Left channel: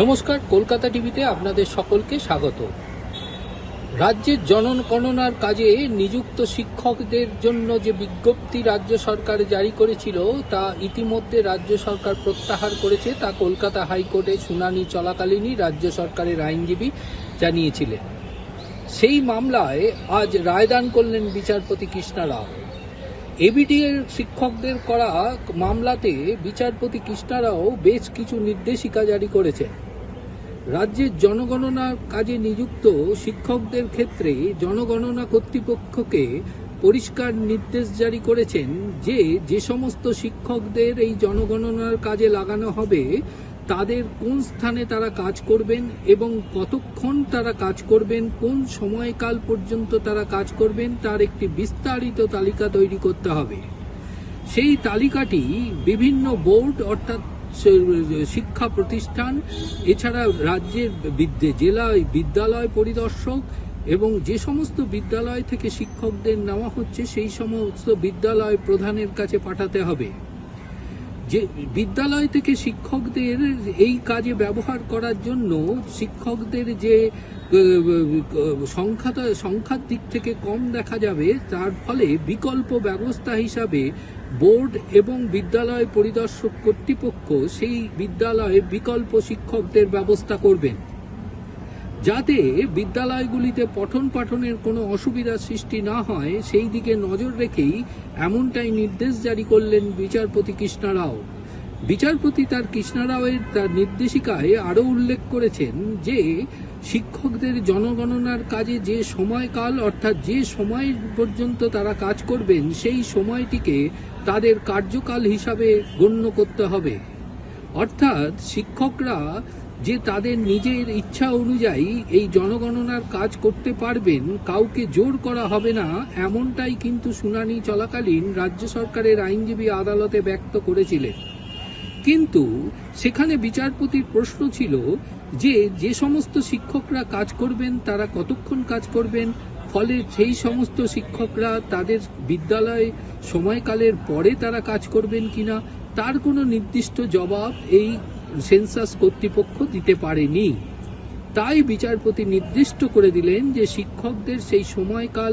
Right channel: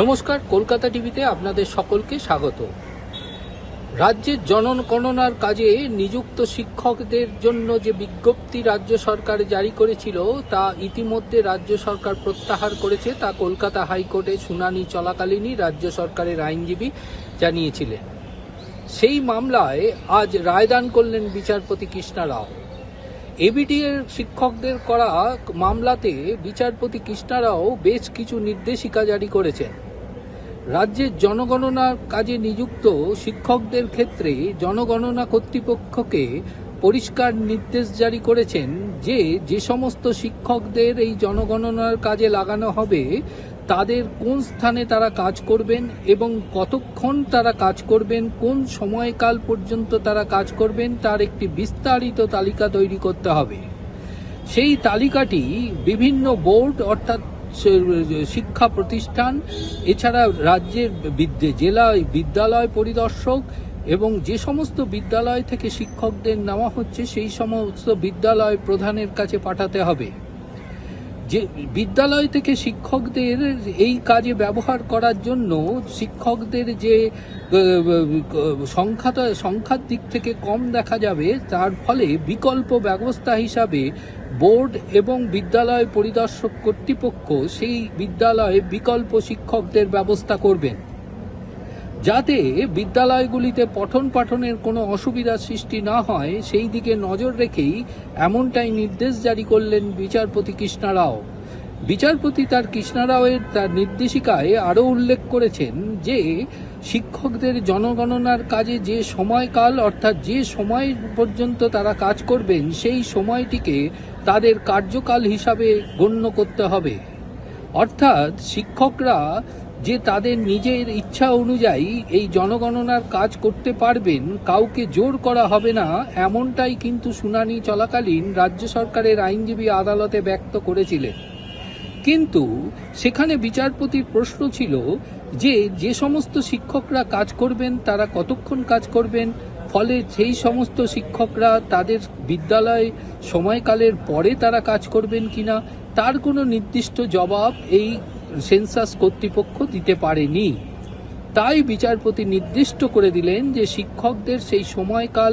নমস্কার, কলকাতা টিভিতে আপনাদের সকলকে স্বাগত। রাজ্যের জনগণনার কাজে নিযুক্ত শিক্ষকদের জন্য যে বিজ্ঞপ্তি রাজ্য সরকার জারি করেছিল তা ইতিমধ্যে রাজ্য সরকার প্রত্যাহার করেছে। তা কলকাতা হাইকোর্টে শুনানি চলাকালীনই রাজ্য সরকারের আইনজীবী জানিয়েছিলেন। সেই মামলায় আজ রায়দান করলেন বিচারপতি কৃষ্ণা রাও। এবিটিএর শিক্ষকদের করা মামলাতে বিচারপতি কৃষ্ণা রাও বেশ কিছু নির্দেশিকা জারি করেছেন। রাজ্যের জনগণনার কাজে নিযুক্ত শিক্ষকদের ক্ষেত্রে জনগণনা কর্তৃপক্ষকে পরিষ্কার নির্দেশ জারি করেছেন যে সমস্ত শিক্ষকদের এই জনগণনার কাজে লাগানো হবে তাদের কোন স্থানে তারা কাজ করবেন এবং কতক্ষণ তারা কাজ করবেন, কোন সময়কাল পর্যন্ত তারা কাজ করবেন তার একটি বিস্তারিত তালিকা তৈরি করতে হবে। সেই তালিকাটি বিভিন্ন বোর্ড অর্থাৎ শিক্ষা প্রতিষ্ঠান, এছাড়া রাজ্যের জেলা বিদ্যালয় পরিদর্শক এবং যে সমস্ত বিদ্যালয় থেকে শিক্ষকদের নেওয়া হচ্ছে সেই সমস্ত বিদ্যালয় প্রধানের কাছে পাঠাতে হবে। যে বিদ্যালয় থেকে শিক্ষকদের এই কাজে ব্যবহার করার জন্য শিক্ষকদের যে সংখ্যার দিক থেকে কম দেখা যাবে, তার ফলে বিকল্প ব্যবস্থা হিসাবে বোর্ড এবং বিদ্যালয় পরিদর্শক কর্তৃপক্ষ সেই বিদ্যালয়ে বিকল্প শিক্ষকদের ব্যবস্থা করবেন, যাতে বিদ্যালয়গুলিতে পঠন পাঠনের কোনো অসুবিধার সৃষ্টি না হয় সেই দিকে নজর রেখেই এমনটাই নির্দেশ জারি করলেন বিচারপতি কৃষ্ণা রাও। বিচারপতি কৃষ্ণা রাওয়ের তার নির্দেশিকায় আরও উল্লেখ করেছেন যে শিক্ষকদের জনগণনার কাজে যে সময়কাল অর্থাৎ যে সময় পর্যন্ত তারা কাজ করবেন সেই সময়টিকে তাদের কার্যকাল হিসাবে গণ্য করতে হবে। অর্থাৎ শিক্ষকরা যে তাদের নিজের ইচ্ছা অনুযায়ী এই জনগণনার কাজ করতে পারবেন, কাউকে জোর করা হবে না, এমনটাই কিন্তু শুনানি চলাকালীন রাজ্য সরকারের আইনজীবী আদালতে ব্যক্ত করেছিলেন। কিন্তু সেখানে বিচারপতির প্রশ্ন ছিল যে সমস্ত শিক্ষকরা কাজ করবেন তারা কতক্ষণ কাজ করবেন, ফলে সেই সমস্ত শিক্ষকরা তাদের বিদ্যালয় সময়কালের পরে তারা কাজ করবেন কিনা তার কোনো নির্দিষ্ট জবাব এই সেন্সাস কর্তৃপক্ষ দিতে পারেনি। তাই বিচারপতি নির্দিষ্ট করে দিলেন যে শিক্ষকদের সেই সময়কাল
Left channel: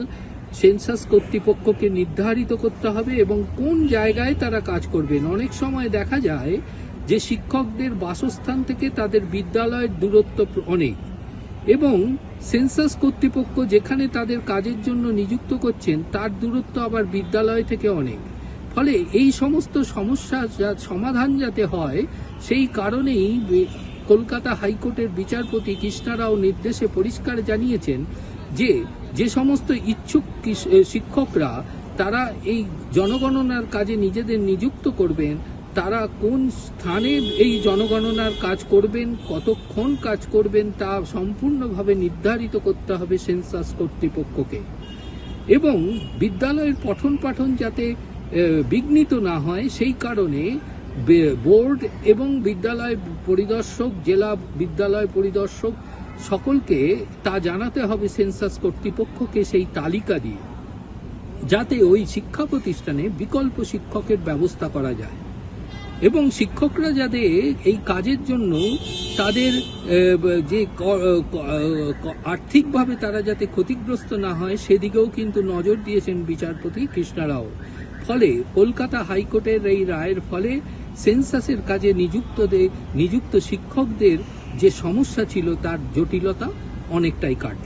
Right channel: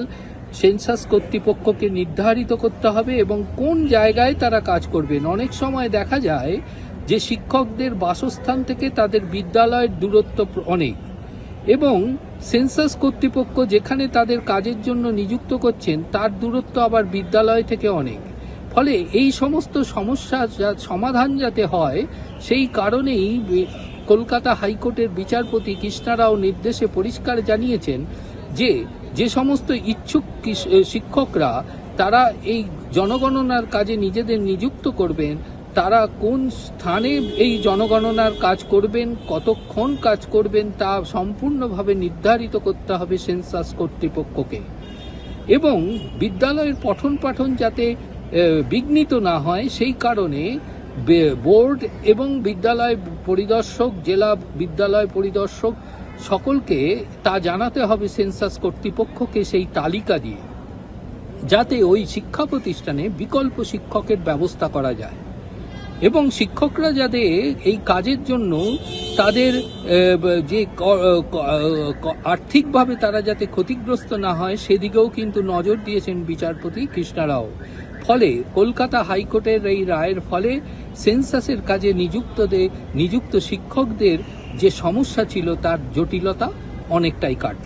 সেন্সাস কর্তৃপক্ষকে নির্ধারিত করতে হবে এবং কোন জায়গায় তারা কাজ করবেন। অনেক সময় দেখা যায় যে শিক্ষকদের বাসস্থান থেকে তাদের বিদ্যালয়ের দূরত্ব অনেক এবং সেন্সাস কর্তৃপক্ষ যেখানে তাদের কাজের জন্য নিযুক্ত করছেন তার দূরত্ব আবার বিদ্যালয় থেকে অনেক। ফলে এই সমস্ত সমস্যার সমাধান যাতে হয় সেই কারণেই কলকাতা হাইকোর্টের বিচারপতি কৃষ্ণা রাও নির্দেশে পরিষ্কার জানিয়েছেন যে সমস্ত ইচ্ছুক শিক্ষকরা তারা এই জনগণনার কাজে নিজেদের নিযুক্ত করবেন তারা কোন স্থানে এই জনগণনার কাজ করবেন, কতক্ষণ কাজ করবেন তা সম্পূর্ণভাবে নির্ধারিত করতে হবে সেন্সাস কর্তৃপক্ষকে। এবং বিদ্যালয়ের পঠন পাঠন যাতে বিঘ্নিত না হয় সেই কারণে বোর্ড এবং বিদ্যালয় পরিদর্শক, জেলা বিদ্যালয় পরিদর্শক সকলকে তা জানাতে হবে সেন্সাস কর্তৃপক্ষকে সেই তালিকা দিয়ে, যাতে ওই শিক্ষা প্রতিষ্ঠানে বিকল্প শিক্ষকের ব্যবস্থা করা যায় এবং শিক্ষকরা যাতে এই কাজের জন্য তাদের যে আর্থিকভাবে তারা যাতে ক্ষতিগ্রস্ত না হয় সেদিকেও কিন্তু নজর দিয়েছেন বিচারপতি কৃষ্ণা রাও। ফলে কলকাতা হাইকোর্টের এই রায়ের ফলে সেন্সাসের কাজে নিযুক্ত শিক্ষকদের যে সমস্যা ছিল তার জটিলতা অনেকটাই কাটল।